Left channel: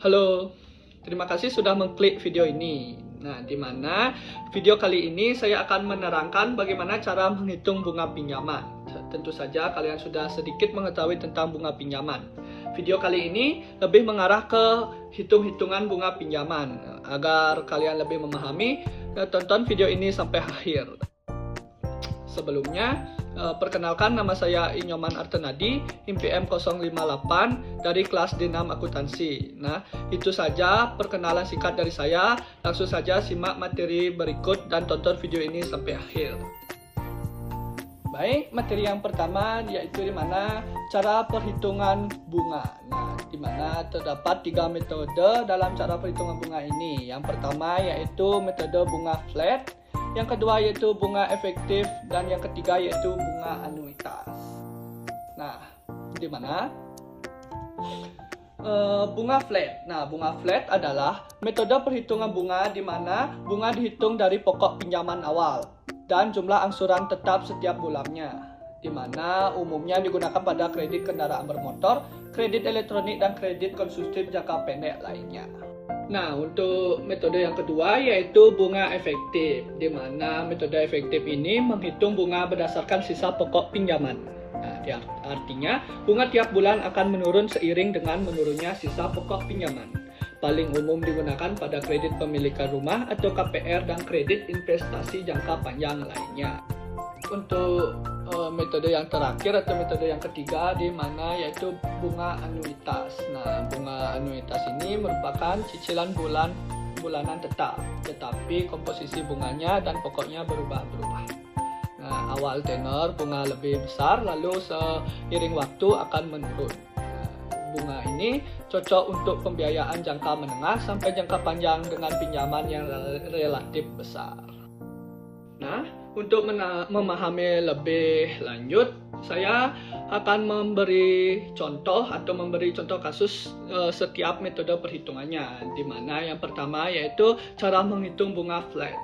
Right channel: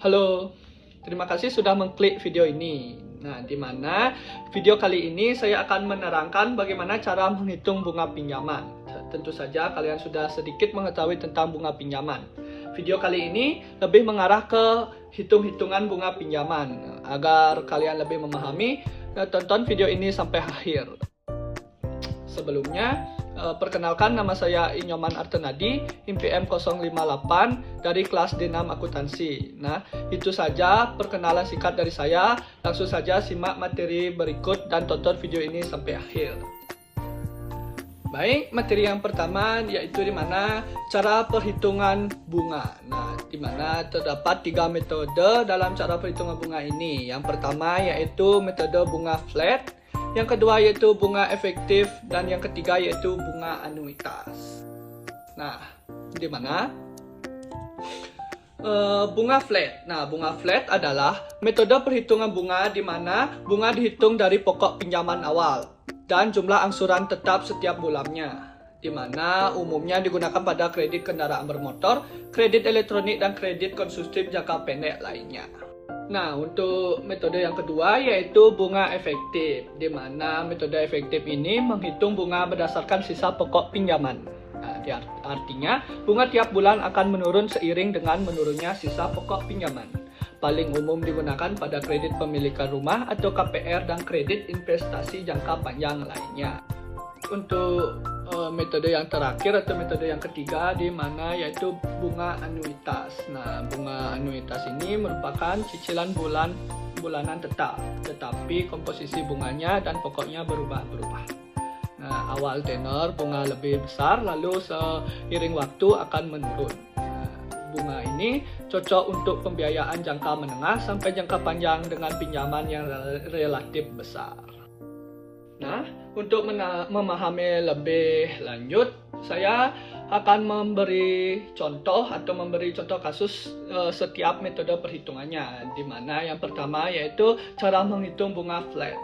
Halo, terima kasih sudah mengklik video ini. Nah, di mana video kali ini saya akan menerangkan bagaimana cara menghitung bunga pinjaman. Tentu saja kalian sudah sedikit mengetahui tentang bunga pinjaman. Video kali ini lebih mengarah ke hitung-hitungan bunga pinjaman. Agar kalian lebih memahami, tonton video ini sampai akhir. Sebelumnya, perkenalkan, nama saya Inyoman Artenadi, IMPM 058 dari kelas D6 Akuntansi. Nah, itu saja perkenalan singkat dari saya. Langsung saja simak materi berikut dan tonton video ini sampai akhir. Baik, materi yang pertama yaitu di mana cara perhitungan bunga. Nah, di mana terdapat 3 metode dalam cara perhitungan bunga ini. Yang pertama yaitu metode bunga flat, yang kedua yaitu bunga efektif, dan yang ketiga yaitu bunga anuitas. Nah, di mana bunga flat? Nah, bunga flat adalah metode perhitungan bunga di mana bunga dihitung dari pokok pinjaman awal dan jumlah angsuran tetap setiap bulannya, di mana umumnya digunakan pada kredit kendaraan bermotor, kredit elektronik, dan kredit konsumtif jangka pendek lainnya. Nah, untuk metode yang kedua yaitu bunga efektif, di mana metode efektif ini menghitung bunga berdasarkan sisa pokok pinjaman. Nah, artinya bunga tiap bulan akan menurun seiring dengan menurunnya sisa pokok pinjaman. Paling umum digunakan pada kredit pemilikan rumah atau KPR dan kredit investasi jangka panjang lainnya. Untuk metode yang terakhir atau metode yang ketiga di mana yaitu bunga anuitas. Nah, bunga anuitas ini merupakan cicilan bulanan tetap, tetapi komposisi bunganya dan pokoknya berubah-ubah. Nah, awal tenor bunga lebih besar, lalu seiring waktu akan menurun. Nah, bunga ini cocok untuk pembiayaan jangka menengah sampai jangka panjang dengan pinjaman yang relatif besar. Nah, untuk memahami lebih lanjut, saya akan memberi contoh kasus setiap metode perhitungannya, di mana yang pertama yaitu cara menghitung bunga flat.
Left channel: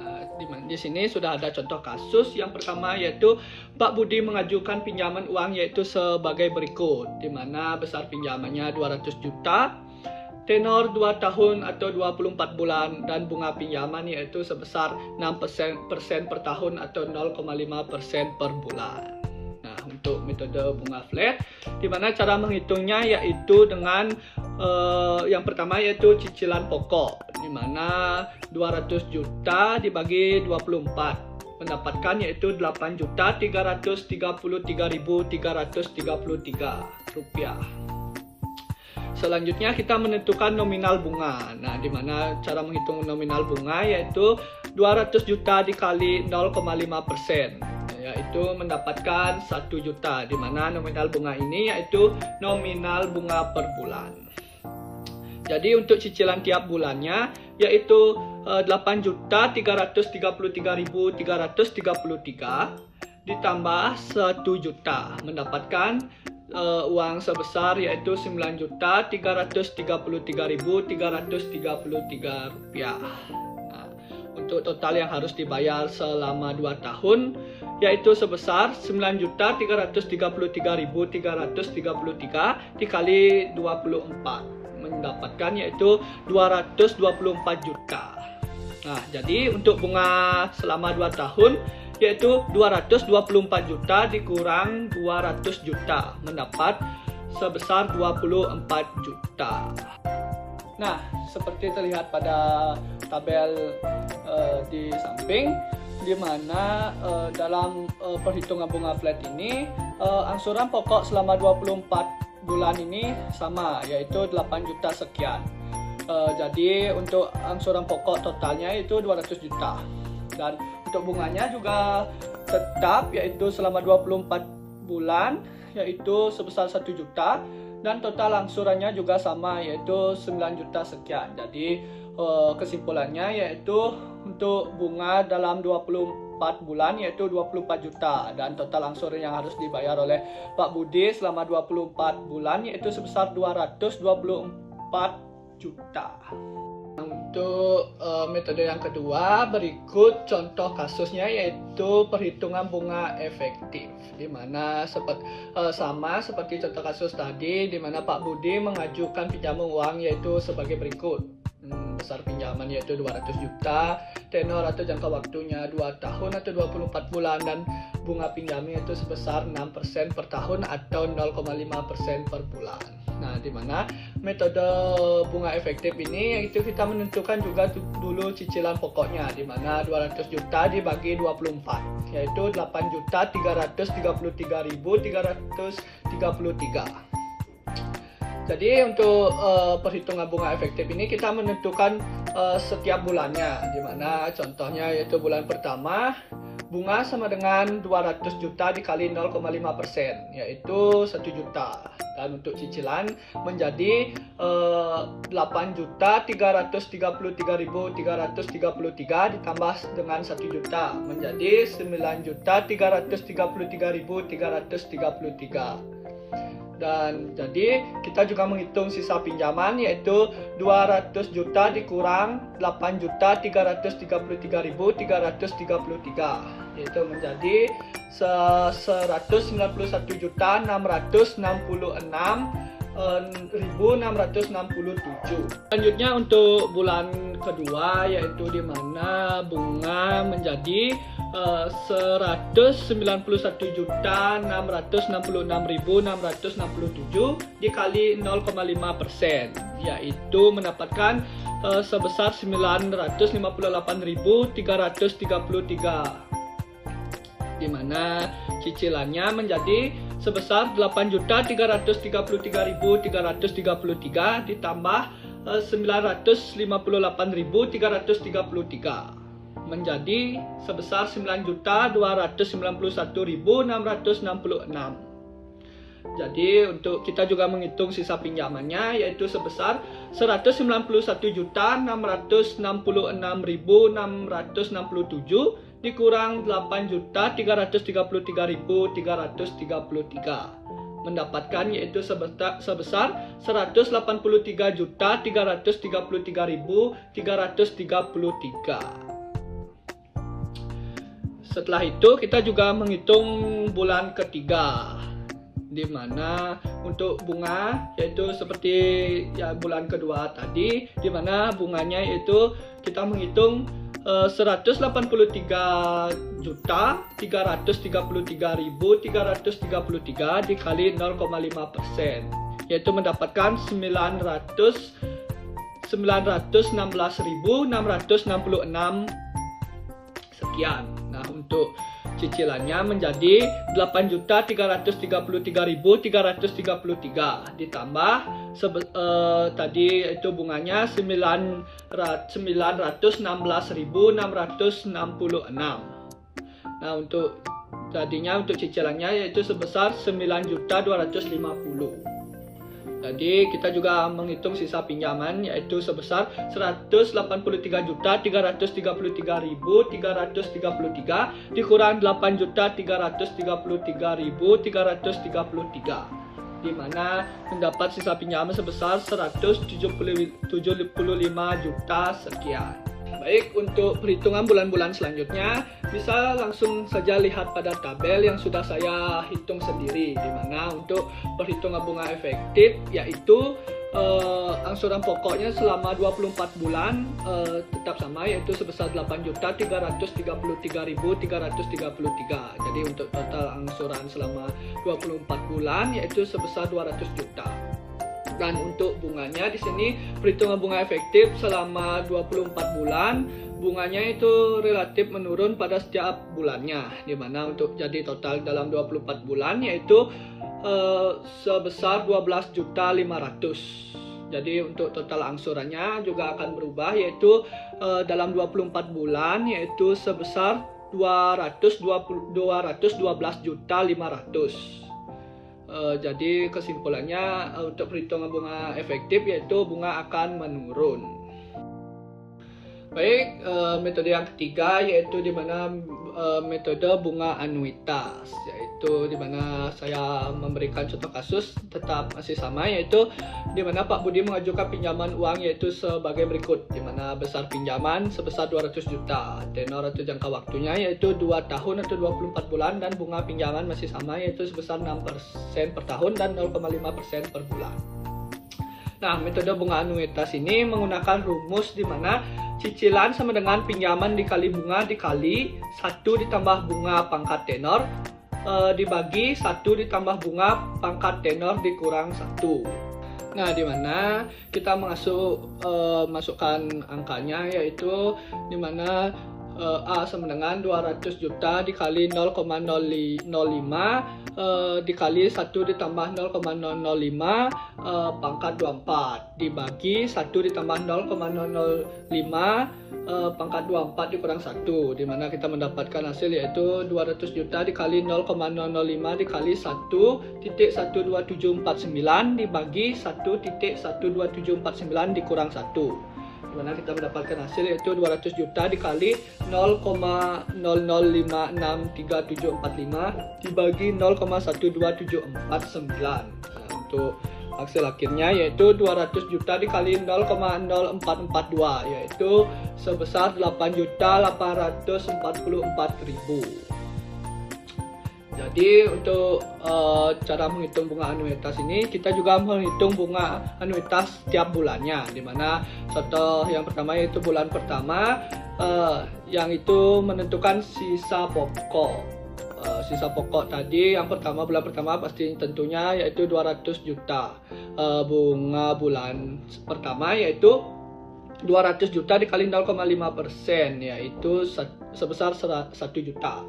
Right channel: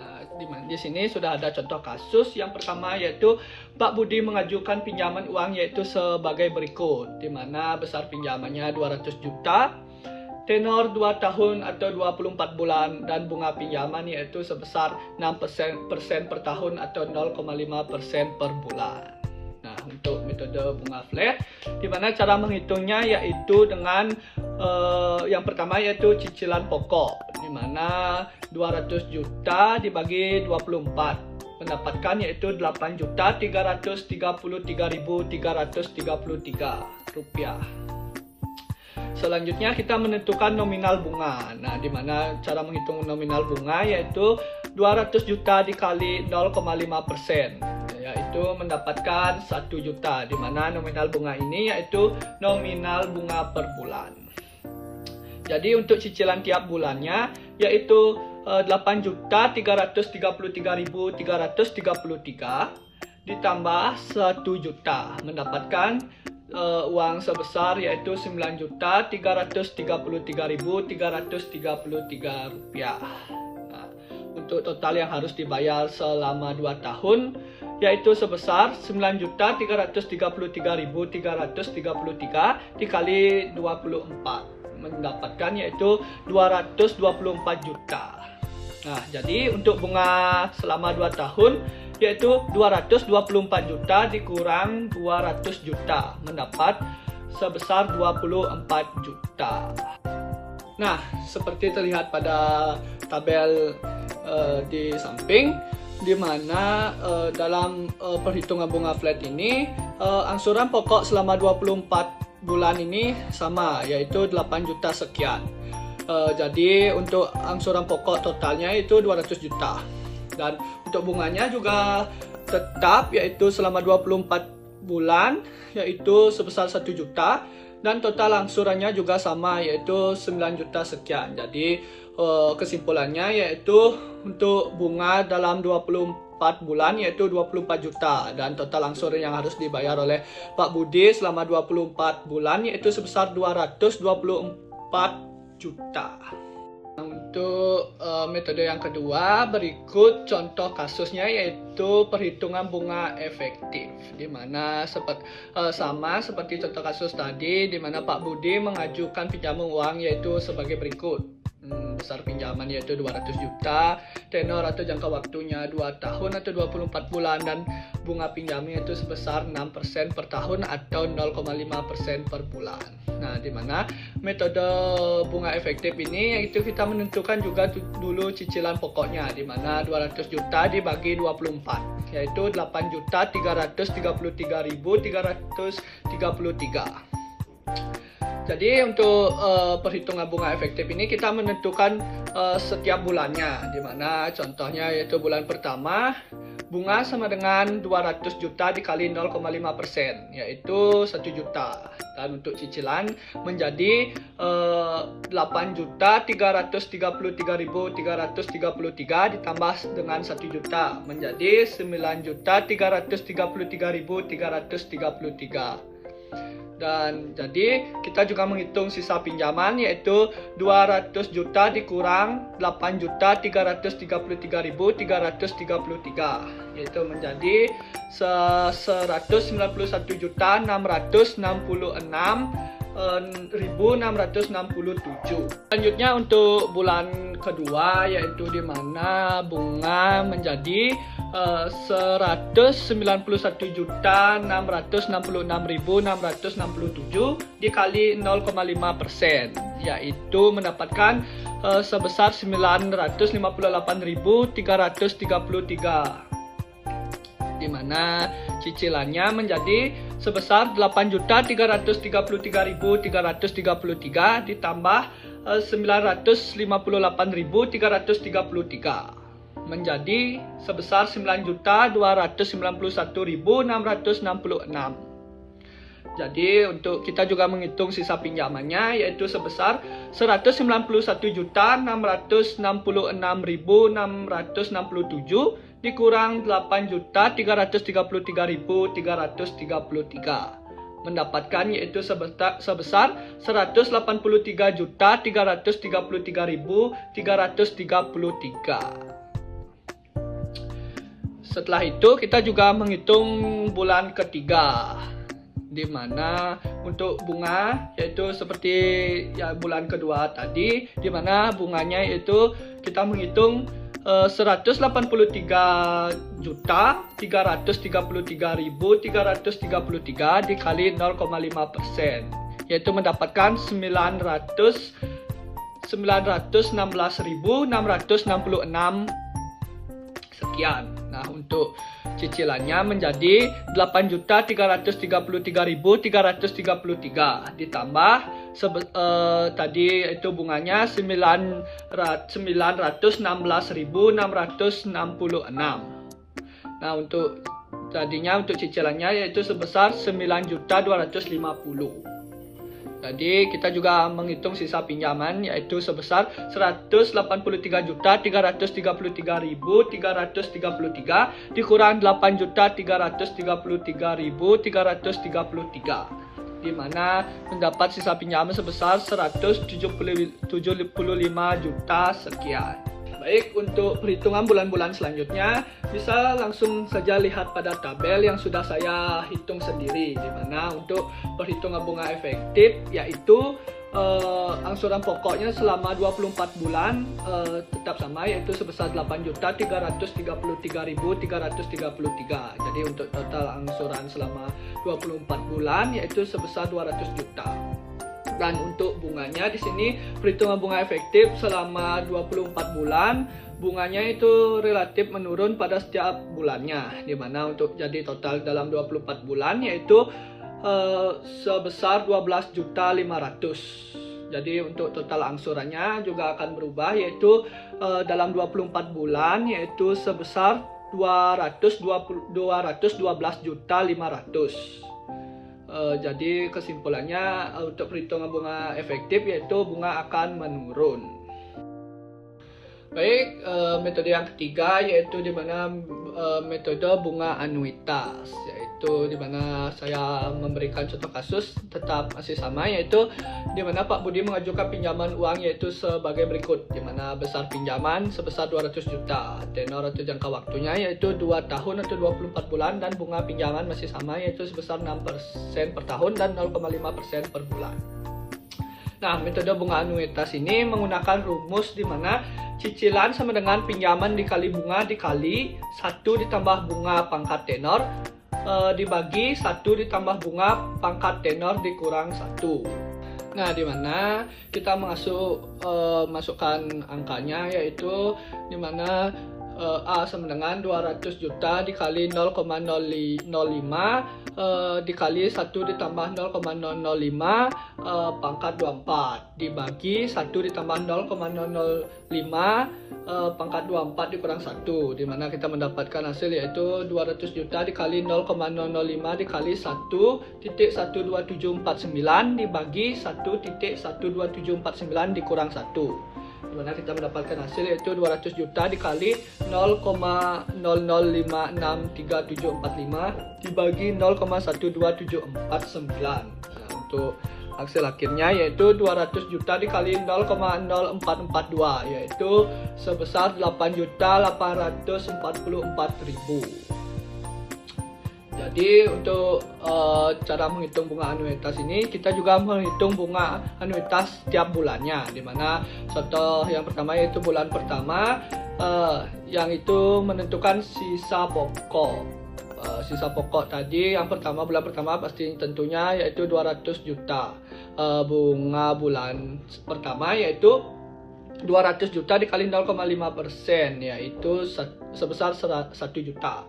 Nah, di sini sudah ada contoh kasus. Yang pertama yaitu Pak Budi mengajukan pinjaman uang yaitu sebagai berikut, di mana besar pinjamannya 200 juta, tenor 2 tahun atau 24 bulan, dan bunga pinjaman yaitu sebesar 6% per tahun atau 0,5% per bulan. Nah, untuk metode bunga flat, di mana cara menghitungnya yaitu dengan yang pertama yaitu cicilan pokok, di mana 200 juta dibagi 24 mendapatkan yaitu 8.333.333 rupiah. Selanjutnya kita menentukan nominal bunga. Nah, di mana cara menghitung nominal bunga yaitu 200 juta dikali 0,5%, yaitu mendapatkan 1 juta, di mana nominal bunga ini yaitu nominal bunga per bulan. Jadi untuk cicilan tiap bulannya yaitu 8.333.333 ditambah 1 juta mendapatkan uang sebesar yaitu 9.333.333 rupiah. Nah, untuk total yang harus dibayar selama 2 tahun yaitu sebesar 9.333.333 dikali 24 mendapatkan yaitu 224 juta. Nah, jadi untuk bunga selama 2 tahun yaitu 224 juta dikurang 200 juta mendapat sebesar 24 juta. Nah, seperti terlihat pada tabel di samping, di mana dalam perhitungan bunga flat ini angsuran pokok selama 24 bulan ini sama, yaitu 8 juta sekian. Jadi untuk angsuran pokok totalnya itu 200 juta. Dan untuk bunganya juga tetap yaitu selama 24 bulan yaitu sebesar 1 juta, dan total angsurannya juga sama yaitu 9 juta sekian. Jadi kesimpulannya yaitu untuk bunga dalam 24 bulan yaitu 24 juta, dan total angsuran yang harus dibayar oleh Pak Budi selama 24 bulan yaitu sebesar 224 juta. Untuk metode yang kedua, berikut contoh kasusnya yaitu perhitungan bunga efektif, di mana sama seperti contoh kasus tadi, di mana Pak Budi mengajukan pinjaman uang yaitu sebagai berikut. Besar pinjaman yaitu 200 juta, tenor atau jangka waktunya 2 tahun atau 24 bulan, dan bunga pinjaman itu sebesar 6% per tahun atau 0,5% per bulan. Nah, di mana metode bunga efektif ini yaitu kita menentukan juga dulu cicilan pokoknya, di mana 200 juta dibagi 24 yaitu 8.333.333. Jadi untuk perhitungan bunga efektif ini kita menentukan setiap bulannya, di mana contohnya yaitu bulan pertama bunga sama dengan 200 juta dikali 0,5% yaitu 1 juta, dan untuk cicilan menjadi 8.333.333 ditambah dengan 1 juta menjadi 9.333.333. Dan jadi kita juga menghitung sisa pinjaman yaitu 200 juta dikurang 8.333.333 yaitu menjadi 191.966.667. Selanjutnya untuk bulan kedua yaitu di mana bunga menjadi 191.666.667 dikali 0,5% yaitu mendapatkan sebesar 958.333, di mana cicilannya menjadi sebesar 8.333.333 ditambah 958.333 menjadi sebesar 9.291.666. Jadi untuk kita juga menghitung sisa pinjamannya yaitu sebesar 191.666.667 dikurang 8.333.333 mendapatkan yaitu sebesar 183.333.333. Setelah itu kita juga menghitung bulan ketiga, di mana untuk bunga yaitu seperti ya bulan kedua tadi, di mana bunganya yaitu kita menghitung 183.333.333 dikali 0,5% yaitu mendapatkan 916.666 sekian. Nah, untuk cicilannya menjadi 8.333.333 ditambah tadi itu bunganya 916.666. Nah, untuk tadinya untuk cicilannya yaitu sebesar 9.250. Jadi kita juga menghitung sisa pinjaman yaitu sebesar 183.333.333 dikurang 8.333.333, di mana mendapat sisa pinjaman sebesar 175 juta sekian. Baik, untuk perhitungan bulan-bulan selanjutnya bisa langsung saja lihat pada tabel yang sudah saya hitung sendiri, di mana untuk perhitungan bunga efektif yaitu angsuran pokoknya selama 24 bulan tetap sama yaitu sebesar 8.333.333. Jadi untuk total angsuran selama 24 bulan yaitu sebesar 200 juta. Dan untuk bunganya di sini perhitungan bunga efektif selama 24 bulan bunganya itu relatif menurun pada setiap bulannya, di mana untuk jadi total dalam 24 bulan yaitu sebesar 12.500.000. Jadi untuk total angsurannya juga akan berubah yaitu dalam 24 bulan yaitu sebesar 212.500.000. Jadi kesimpulannya untuk perhitungan bunga efektif yaitu bunga akan menurun. Baik, metode yang ketiga yaitu di mana metode bunga anuitas, yaitu di mana saya memberikan contoh kasus tetap masih sama, yaitu di mana Pak Budi mengajukan pinjaman uang yaitu sebagai berikut, di mana besar pinjaman sebesar 200 juta, tenor atau jangka waktunya yaitu 2 tahun atau 24 bulan, dan bunga pinjaman masih sama yaitu sebesar 6% per tahun dan 0,5% per bulan. Nah, metode bunga anuitas ini menggunakan rumus di mana cicilan sama dengan pinjaman dikali bunga dikali 1 ditambah bunga pangkat tenor dibagi 1 ditambah bunga pangkat tenor dikurang 1. Nah, di mana kita masukkan angkanya, yaitu di mana A sama dengan 200 juta dikali 0,005 dikali 1 ditambah 0,005 pangkat 24 dibagi 1 ditambah 0,005 pangkat 24 dikurang 1, di mana kita mendapatkan hasil yaitu 200 juta dikali 0,005 dikali 1.12749 dibagi 1.12749 dikurang 1, di mana kita mendapatkan hasil yaitu 200 juta dikali 0,00563745 dibagi 0,12749. Nah, untuk hasil akhirnya yaitu 200 juta dikali 0,0442 yaitu sebesar 8.844.000. Jadi untuk cara menghitung bunga anuitas ini, kita juga menghitung bunga anuitas setiap bulannya, dimana contoh yang pertama yaitu bulan pertama yang itu menentukan sisa pokok. Sisa pokok tadi yang pertama, bulan pertama pasti tentunya yaitu 200 juta. Bunga bulan pertama yaitu 200 juta dikali 0,5% yaitu sebesar 1 juta.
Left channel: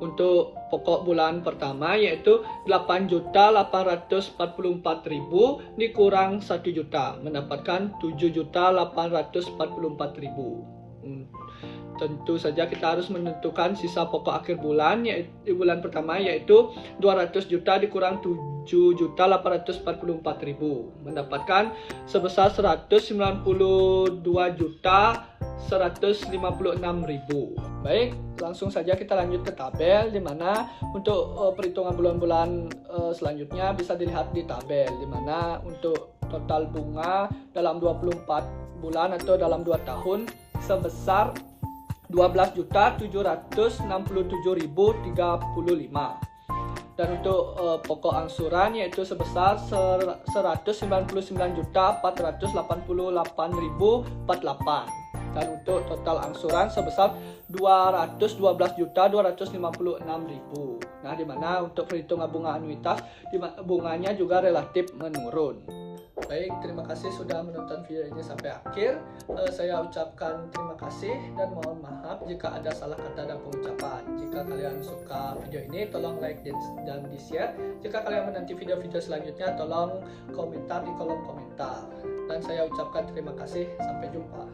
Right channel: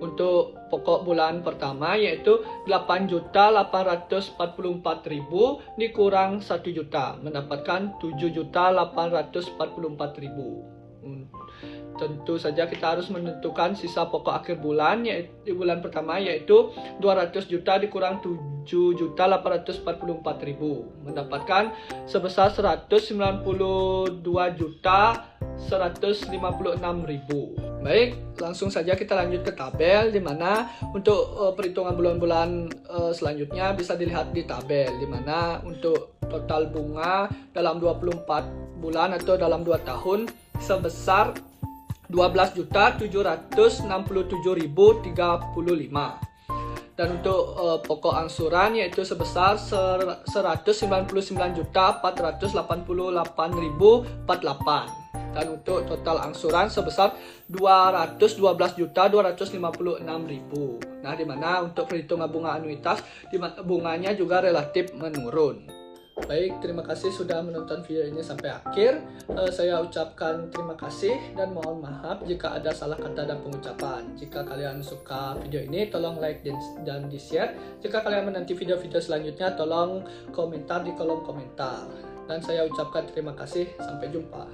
Untuk pokok bulan pertama yaitu 8.844.000 dikurang 1 juta mendapatkan 7.844.000. Tentu saja kita harus menentukan sisa pokok akhir bulan yaitu bulan pertama yaitu 200 juta dikurang 7.844.000 mendapatkan sebesar 192.156.000. Baik, langsung saja kita lanjut ke tabel, di mana untuk perhitungan bulan-bulan selanjutnya bisa dilihat di tabel, di mana untuk total bunga dalam 24 bulan atau dalam 2 tahun sebesar 12.767.035, dan untuk pokok angsuran yaitu sebesar 199.488.048, dan untuk total angsuran sebesar 212.256.000. Nah, di mana untuk perhitungan bunga anuitas bunganya juga relatif menurun. Baik, terima kasih sudah menonton video ini sampai akhir. Saya ucapkan terima kasih dan mohon maaf jika ada salah kata dan pengucapan. Jika kalian suka video ini, tolong like dan di-share. Jika kalian menanti video-video selanjutnya, tolong komentar di kolom komentar. Dan saya ucapkan terima kasih. Sampai jumpa.